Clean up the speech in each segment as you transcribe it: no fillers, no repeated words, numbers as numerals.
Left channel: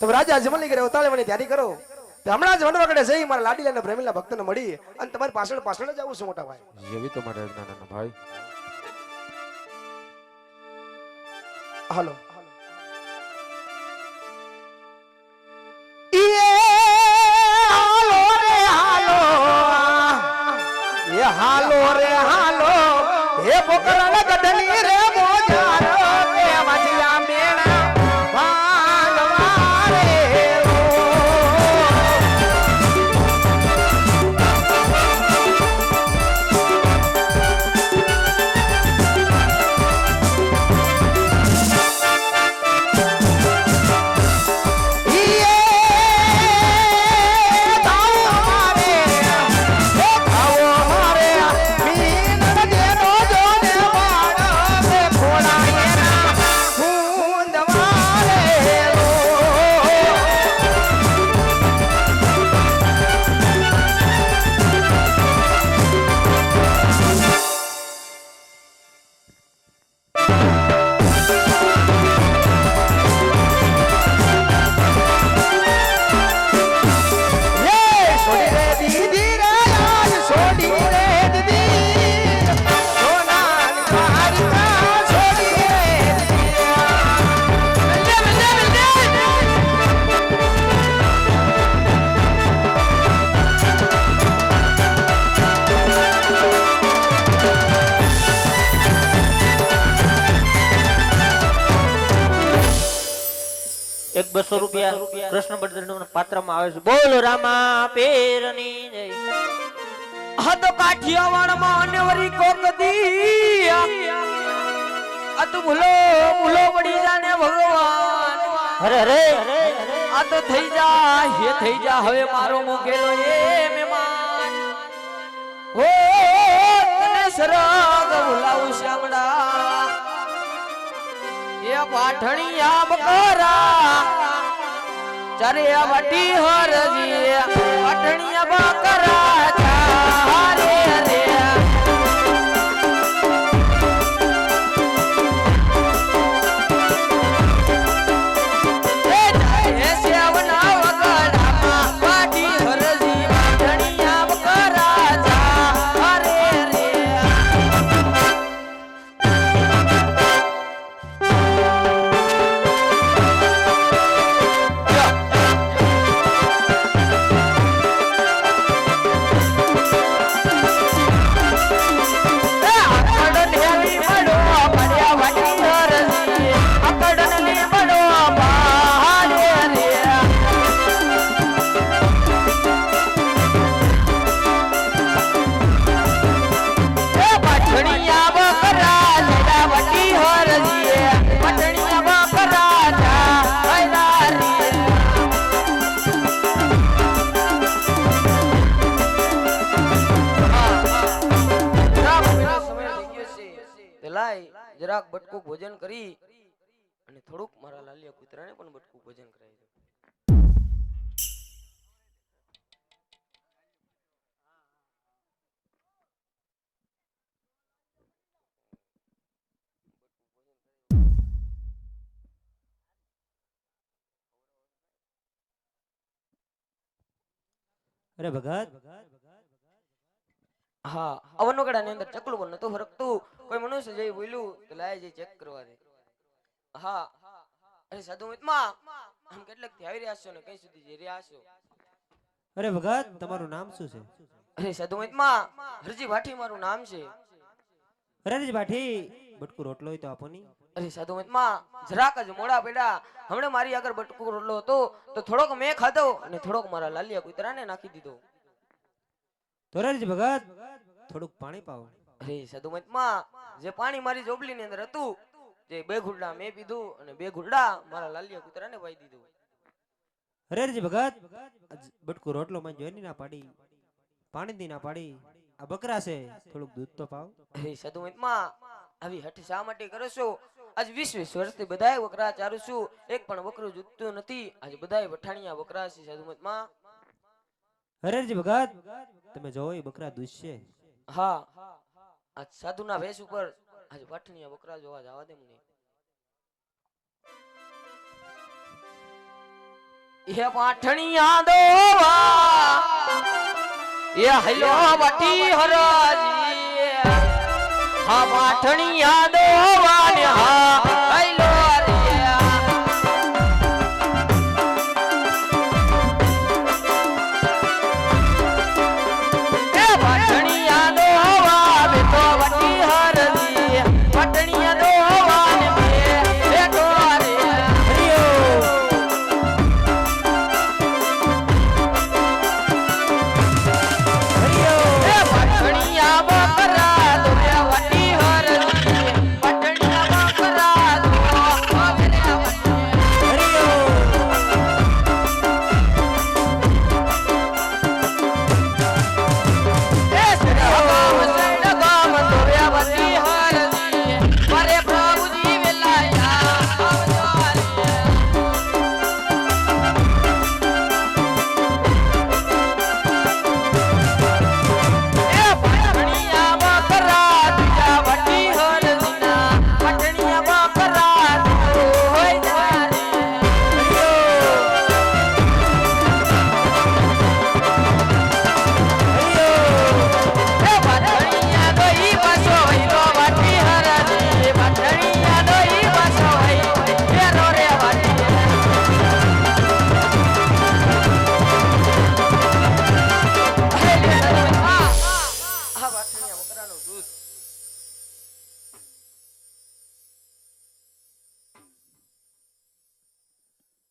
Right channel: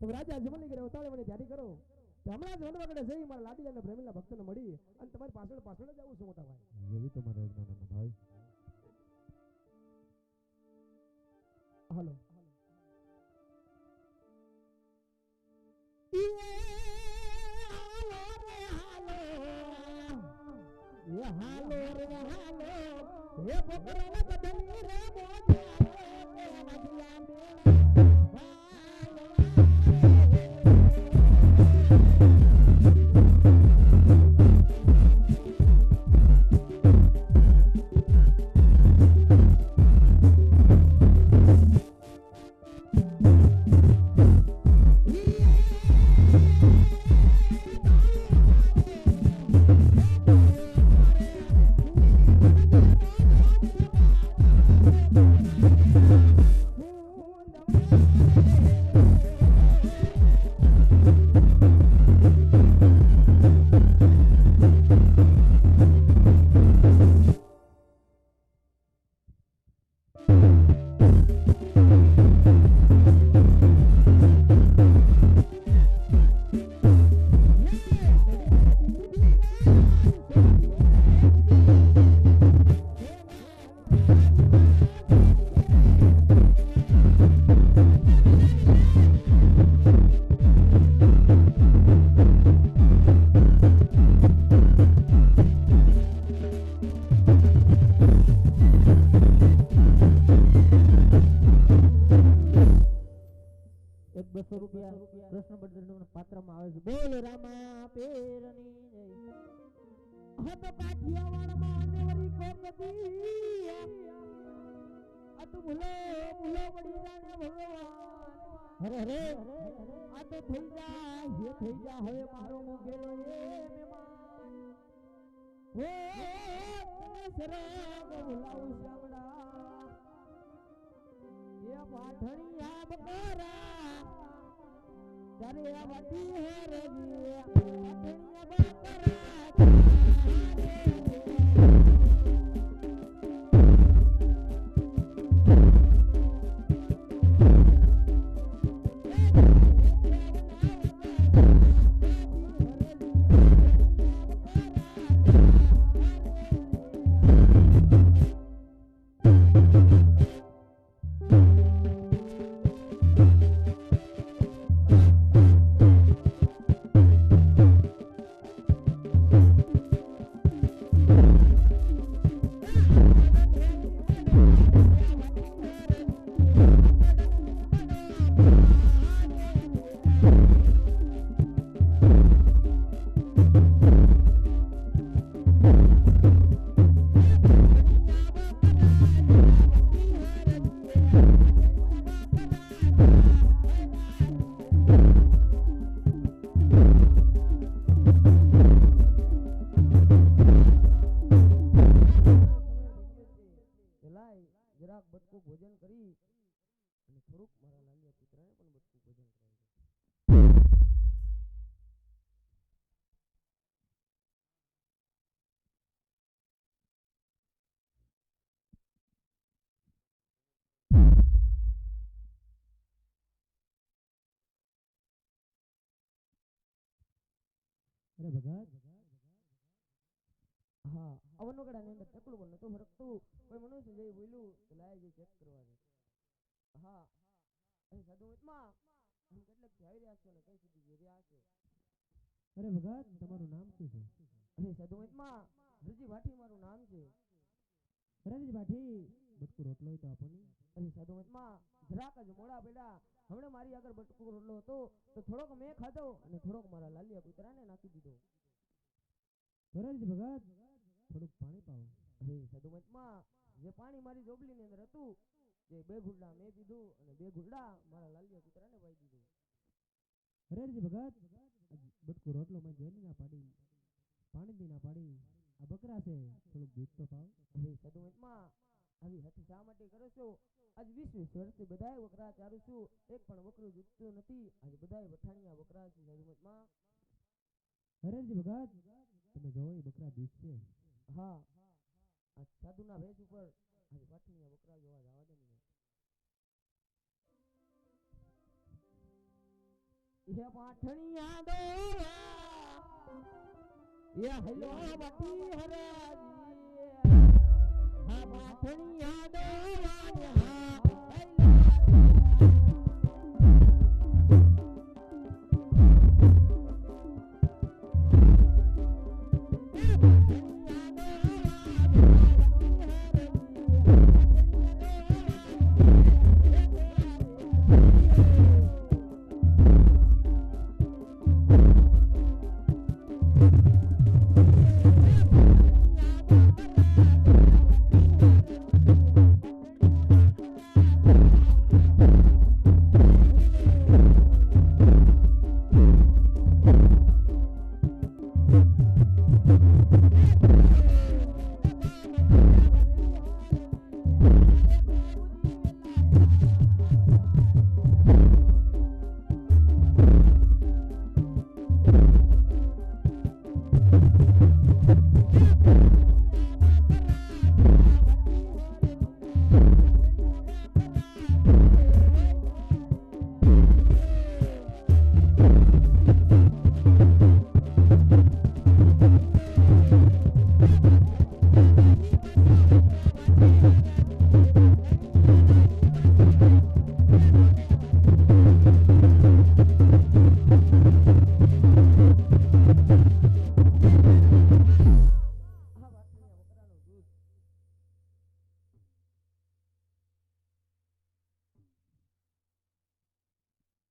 તમે રાજા જમવાની કરે ઉતાવળની તૈયારી કરો. તો હમણાં જ વનવાગડે જઈ મારા લાડીલા અને પ્રેમીલા ભક્તને મળી અને તમારી પાછળ પાછળ જ આવું છું મોટા ભાઈ. જેવી તો મારે નાના ભાઈ. હાલો હાલો રે હાલો હે પોકરણ ગઢની રે મોજાર કે વાજિયા મેણા ભાગવા રે ₹200 કૃષ્ણ બળદેવના પાત્રમાં આવે છે. બોલો રામા પેરની જય. હદ કાઠિયાવાડમાં અનેવરી કોકદી આ તો ભૂલો ભૂલો પડી જાને ભગવાન. અરે અરે આ તો થઈ જા હે થઈ જા હવે મારો મુકેલો એ મહેમાન. હો તને સરગ ભૂલાવું શ્યામડા એ પાઠણિયા બકરા ચારે આ વાટી હરજી પાઠણિયા બકરા ચારે રે જરાક બટકું ભોજન કરી અને થોડુંક મારા લાલિયા કૂતરાને પણ બટકું ભોજન કરાવી દો. અરે ભગત હા અવનગડાની અંદર ચકલું પણ નતું ફરકતું. કોઈ મનુષ્ય જઈ બોલ્યું તો લાય જઈ ચેક કરવા દે. હા અરે સાધુ મિતમાં આમ કેટલેક થી આવી રહ્યા છો ને કઈ સુધી જઈ રહ્યા છો? અરે ભગત તમારું નામ શું છે? અરે સાધુ મિતમાં હરજી ભાઠી મારું નામ છે. અરે જી ભાઠી બટકુ રોટલો હોય તો આપો ની. અરે સાધુ મિતમાં જરાક જ મોડા પડ્યા હમણે મારી આગળ બટકુ રોટલો હતો તો થોડોક મેં ખાધો અને થોડોક મારા લાલિયા કૂતરાને નાખી દીધો. તો અરે જી ભગત થોડુંક પાણી પાવો. અરે સાધુ મિતમાં જે પાણી મારી જોબલી ની અંદર હતું જે 2 ઘૂંટડા મેં પીધું અને 2 ઘૂંટડા મારા લાલિયા કૂતરાને પાઈ દીધું. અરે જી ભગત બટકુ રોટલો માં જોઈ ના પાડી પાણી દી ના પાડી આ બકરા છે થોડુંક દૂધ તો પાવ. અરે સાધુ મિતમાં આવી હઠ શા માટે કરો છો? આજ 20 વર્ષથી બધાય બકરા ચારું છું એક પણ બકરું જૂતતું નથી. આજ બધાય વઠાણિયા બકરા છે સાધુ મિતમાં. અરે જી ભગત તમે જોવો એ બકરા દૂધ છે. હા આજ સાધુના વેશ ઉપર આજ વઠાણિયા બકરા જોવા જવા દે મને. એ પાઠણિયા દોવા એ હલો વટી હરાજી હા પાઠણિયા દોવા ને હા હલો રે એ પાઠણિયા દોવા બે તો વટી હરજી પાઠણિયા દોવા ને બે ટોરે એ પાઠણિયા બકરા દોયા વટી હરજી પાઠણિયા બકરા દોયા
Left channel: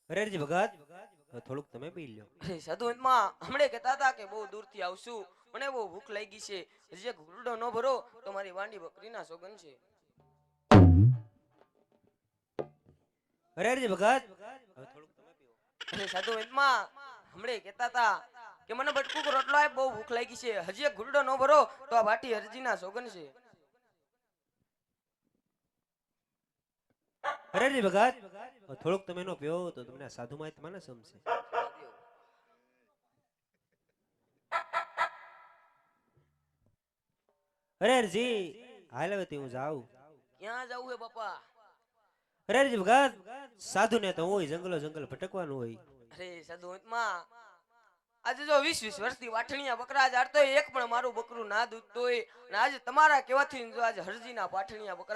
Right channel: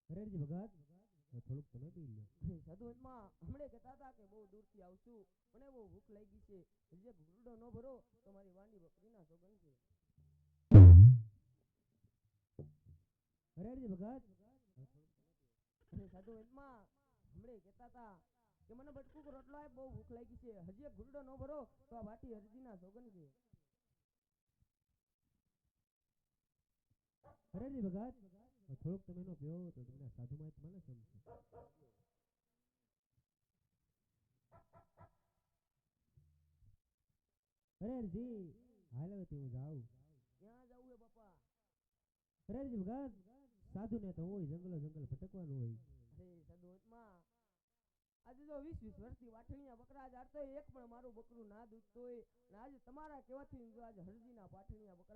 રેરજી ભગત હવે થોડુંક તમે પી લ્યો. અરે સાધુ માં હમણે કહેતા હતા કે બહુ દૂરથી આવશું મને બહુ ભૂખ લાગી છે હજી એક ઘૂંટડો ન ભરો તો મારી વાંડી બકરીના સોગન છે. રેરજી ભગત હવે થોડુંક તમે પીવો. અરે સાધુ માં હમણે કહેતા હતા કે મને બટકું રોટલો આપ બહુ ભૂખ લાગી છે હજી એક ઘૂંટડો ન ભરો તો આ ભાટી હરજીના સોગન છે. રેરજી ભગત હવે થોડુંક તમે નો પીવો તો તમને આ સાધુ માહિત માને સમશે. રેરજી હાલ હવે તે હું જાઉં. ક્યાં જવું હે બાપા? રેરજી ભગત સાધુ ને તો હોય જંગલો જંગલ ભટકવાનું હોય. અરે સાધુ માં આજે જો 20 વર્ષથી વાઠણીયા બકરા જાડતો એક પણ મારું બકરું ના દૂધતો હોય અને આજે તમારા કહેવાથી જો આજે હરજીના પાઠણીયા બકરા